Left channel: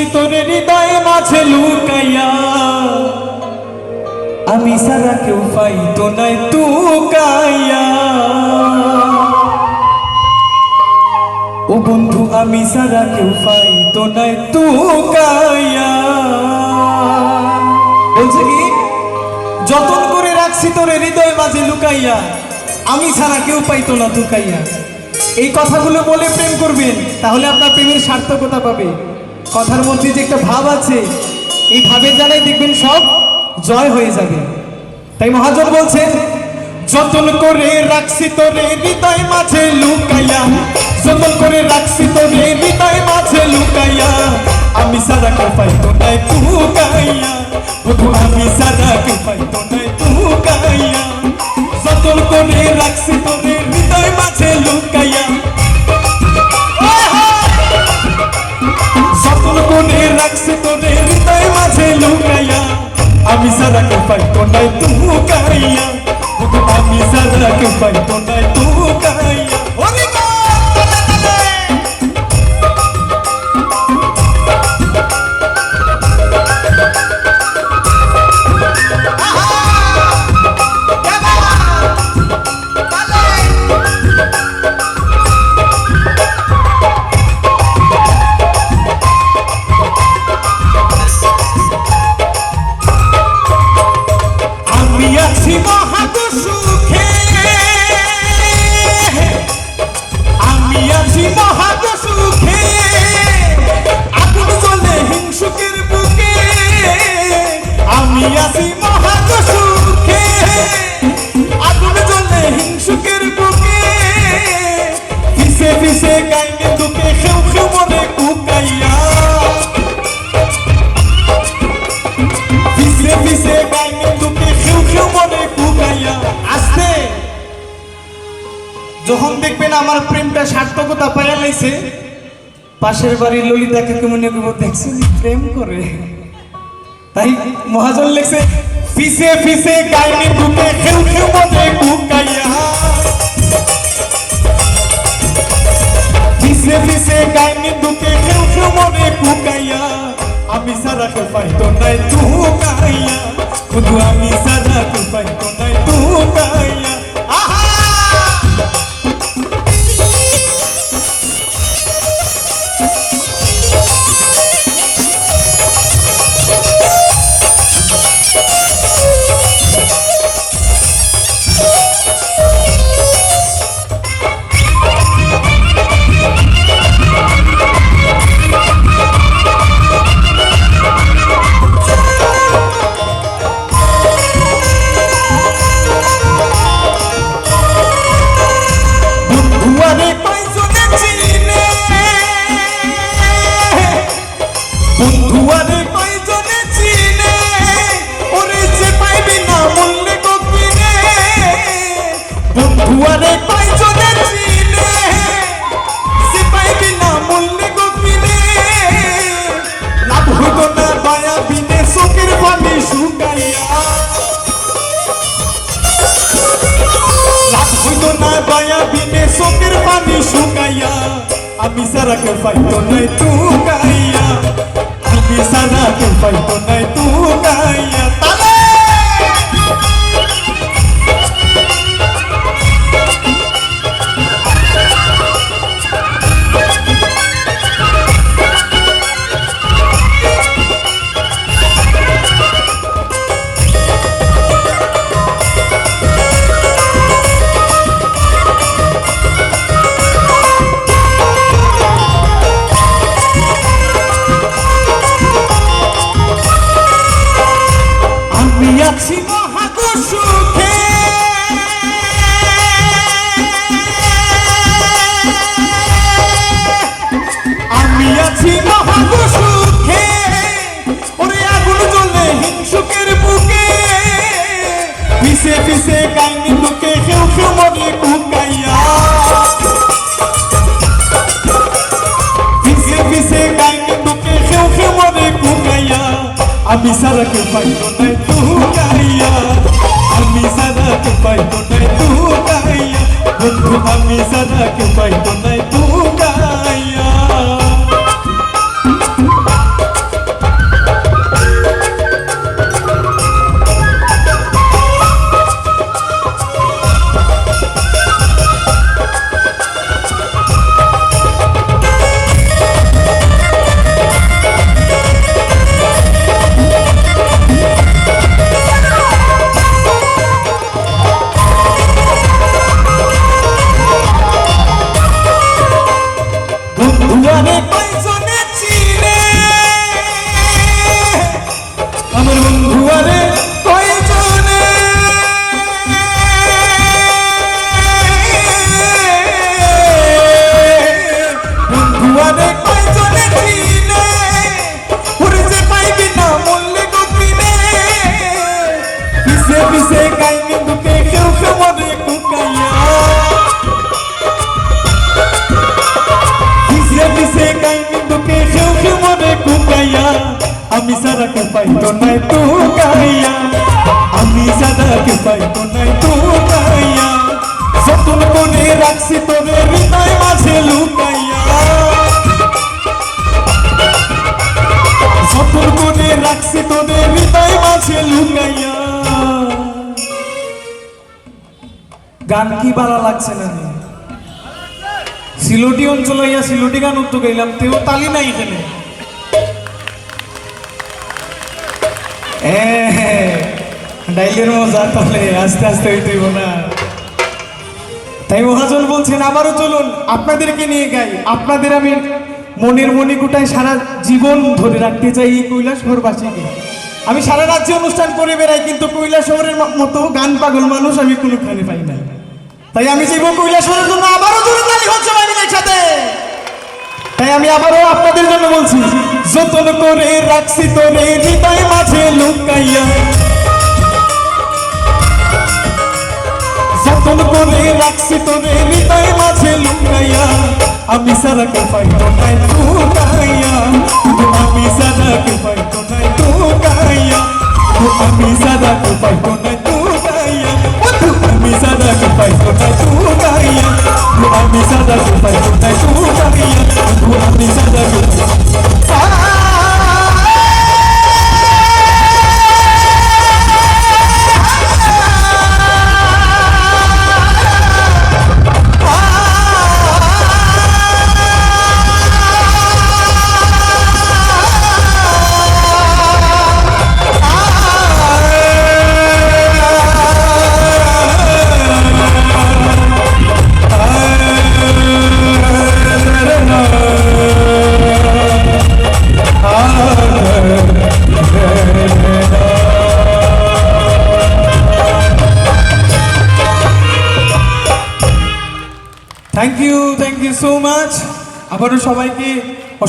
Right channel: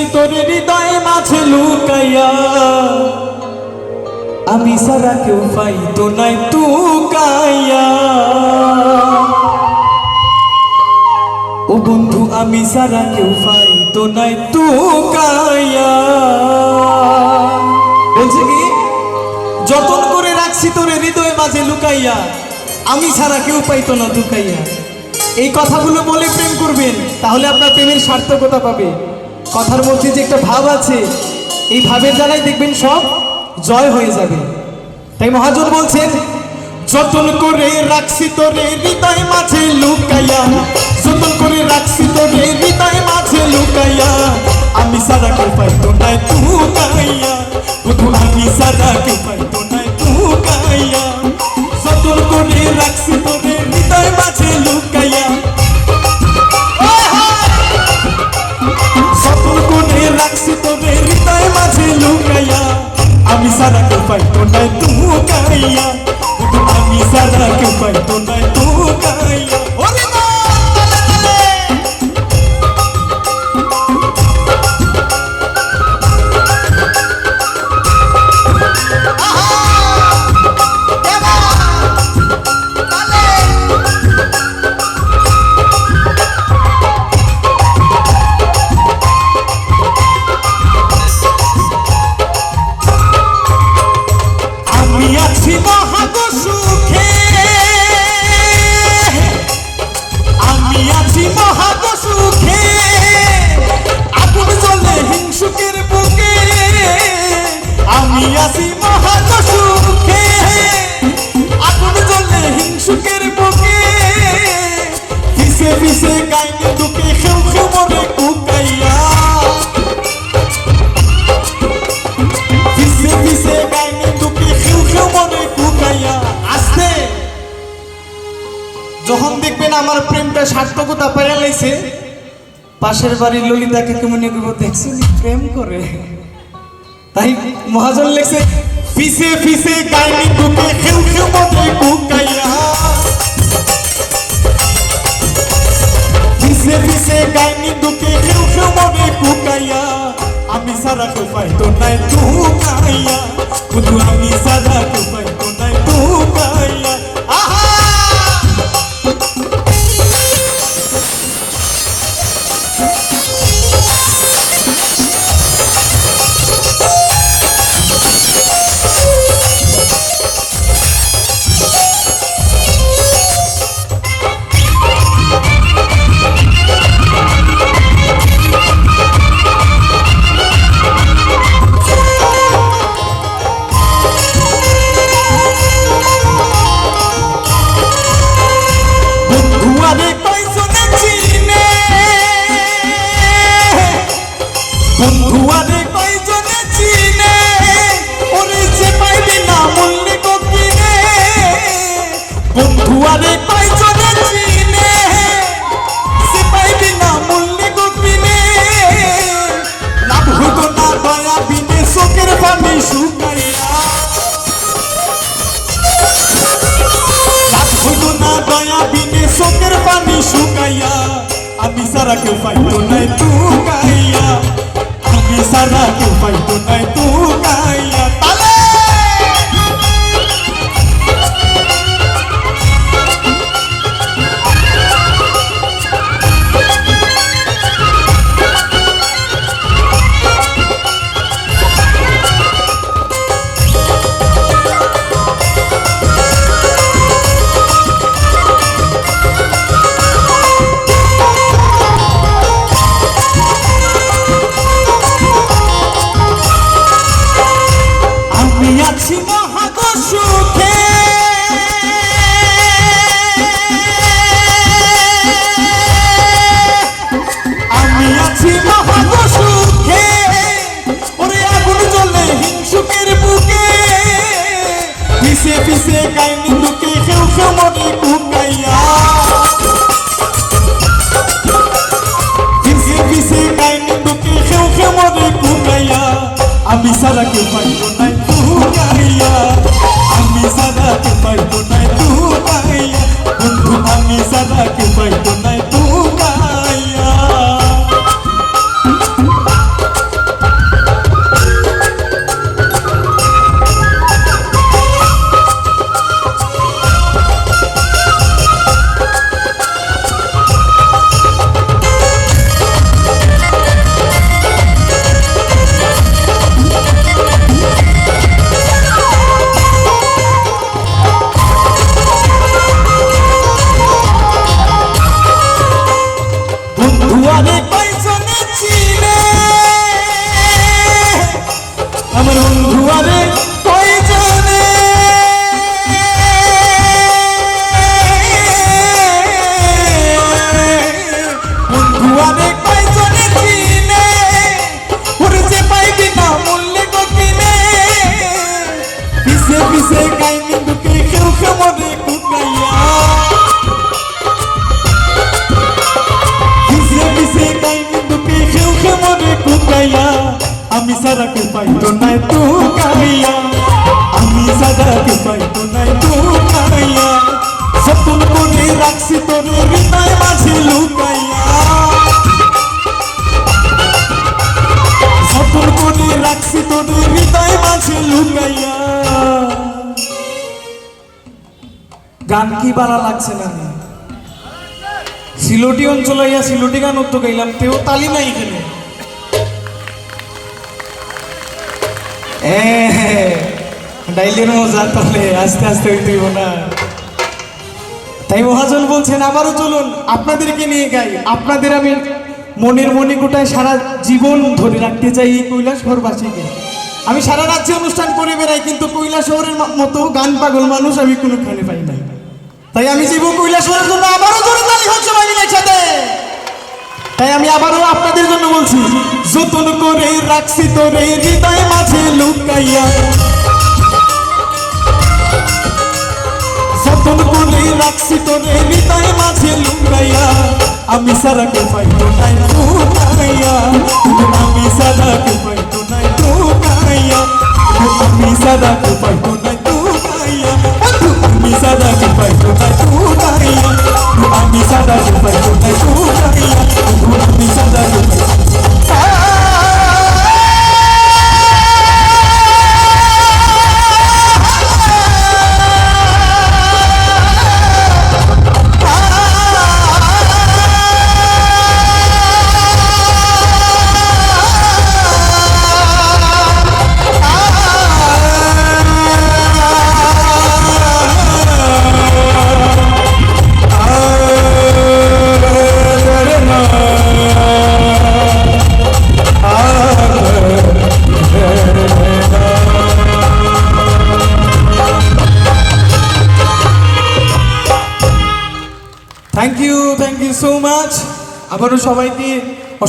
রাখছি তোর হৃদয় মাঝে লুকাইয়া, আমি সারা কেউ পাইতো না টুকাইয়া। ও বন্ধু আমি সারা কেউ পাইতো না টুকাইয়া। বলছে কি, যতন করে রাখছি তোর হৃদয় মাঝে লুকাইয়া, আমি ছাড়া কেউ পাইতো না টুকাইয়া। এই কথাগুলো বলে প্রেম করবেন, তাহলে আপনার প্রেমের সার্থকতা পাবে। কথার মধ্যে যে একটা ভাব আছে, এই ভাবের দ্বারাই দেখবেন সব জয় হয়ে যাবে। তাই মহাজন বলছেন, যতন করে রাখছি তোরে হৃদয় মাঝে লুকাইয়া, যতন করে রাখছি তোরে হৃদয় মাঝে লুকাইয়া, আমি সারা কেউ পাইতো না টুকাইয়া। বন্ধু আমি সারা কেউ পাইতো না টুকাইয়া। যতন করে রাখছি তোরে হৃদয় মাঝে লুকাইয়া, যতন করে রাখছি তোরে হৃদয় মাঝে লুকাইয়া, আমি সারা কেউ পাইতো না টুকাইয়া। আমি সারা কেউ পাইতো না টুকাইয়া। আমি আছি মহাদুসুখে, আমি আছি মহাদুসুখে, আগুন জ্বলে হিংসুকের বুকে। আমি আছি মহাদুসুখে, আগুন জ্বলে হিংসুকের বুকে। পিছে পিছে গাইনি দুকে খেউ খেউ মনে কুকাইয়া, পিছে পিছে গাইনি দুকে খেউ খেউ মনে কুকাইয়া। আস্তে যখন দেখবেন আমার প্রেমটা সার্থকতা পাইয়া লাইছে, পাশের বাড়ির ললিতাকে কেমন দেখছেন প্রেম করে। তাই মহাজন লেখছে, পিছে পিছে গাইনি দুকে খেউ খেউ মনে কুকাইয়া, পিছে পিছে গাইনি দুকে খেউ খেউ মনে কুকাইয়া। আমি সারা কেউ পাইতো না টুকাইয়া, বন্ধু আমি সারা কেউ পাইতো না টুকাইয়া। বন্ধুয়ারে কয়জনে চিনে, বন্ধুয়ারে কয়জনে চিনে, ওরে যে পাইবি না মূল্যে গপিনে। বন্ধুয়ারে কয়জনে চিনে, যে পাইবি না মূল্যে গপিনে। লাভ হইতো না দয়া বিনে চোখের পানি শুকাইয়া, লাভ হইতো না দয়া বিনে চোখের পানি শুকাইয়া। আমি সারা কেউ পাইতো না টুকাইয়া, আমি সারা কেউ পাইতো না টুকাইয়া। তালে আমি আছি মহাদুসুখে, আমি আছি মহাদুসুখে, ওরে আগুন জ্বলে হিংসুকের বুকে। পিছে পিছে গাইনি দুকে খেউ খেউ মনে কুকাইয়া, পিছে পিছে গাইনি দুকে খেউ খেউ মনে কুকাইয়া। আমি সারা কেউ পাইতো না টুকাইয়া, আমি সারা কেউ পাইতো না টুকাইয়া। বন্ধু আমি সারা কেউ পাইতো না টুকাইয়া। পাইতো না টুকাইয়া, আমি সাদাকে পাইতো না টুকাইয়া, যতন করে রাখছি তোরে হৃদয় মাঝে লুকাইয়া, যতন করে রাখছি তোরে হৃদয় মাঝে লুকাইয়া। গান কি ভালো লাগছে না? সিলোটি অঞ্চলে সিলোটি গান তো গাইলাম, তেও তালি নাই এখানে। ডাইলের মজা তাহলে আস্তে আস্তে হইতে হইব না। তাই মহাজন বলছেন আবারও চলুন আপনাদেরকে নিয়ে গাই। আপনাদের আমি মনের মণিকোটায় সারা জীবন ধরে রাখতে চাই এই কৈলাসহরবাসীকে। আমি সারা রাজ্যে অনুষ্ঠান করে বেড়াই, কিন্তু কৈলাসহরের মতো গান পাগল মানুষ আমি কোনোখানে পাই না। তাই আমি যাইব কৈলাসহরের জন্য, আবারও জোরে তালি হচ্ছে বাংলার সাথে। তাই আমি আবারও আপনাদের জন্য বলছি, যতন করে রাখছি তোরে হৃদয় মাঝে লুকাইয়া, যতন করে রাখছি তোরে হৃদয় মাঝে লুকাইয়া, আমি সারাকে পাইতো না টুকাইয়া, আমি সারাকে পাইতো না টুকাইয়া, আমি সারাকে পাইতো না টুকাইয়া, আমি সারাকে পাইতো না টুকাইয়া, আমি সারাকে পাইতো না টুকাইয়া, আমি সারাকে থ্যাংক ইউ সো মাচ। আবারও সবাইকে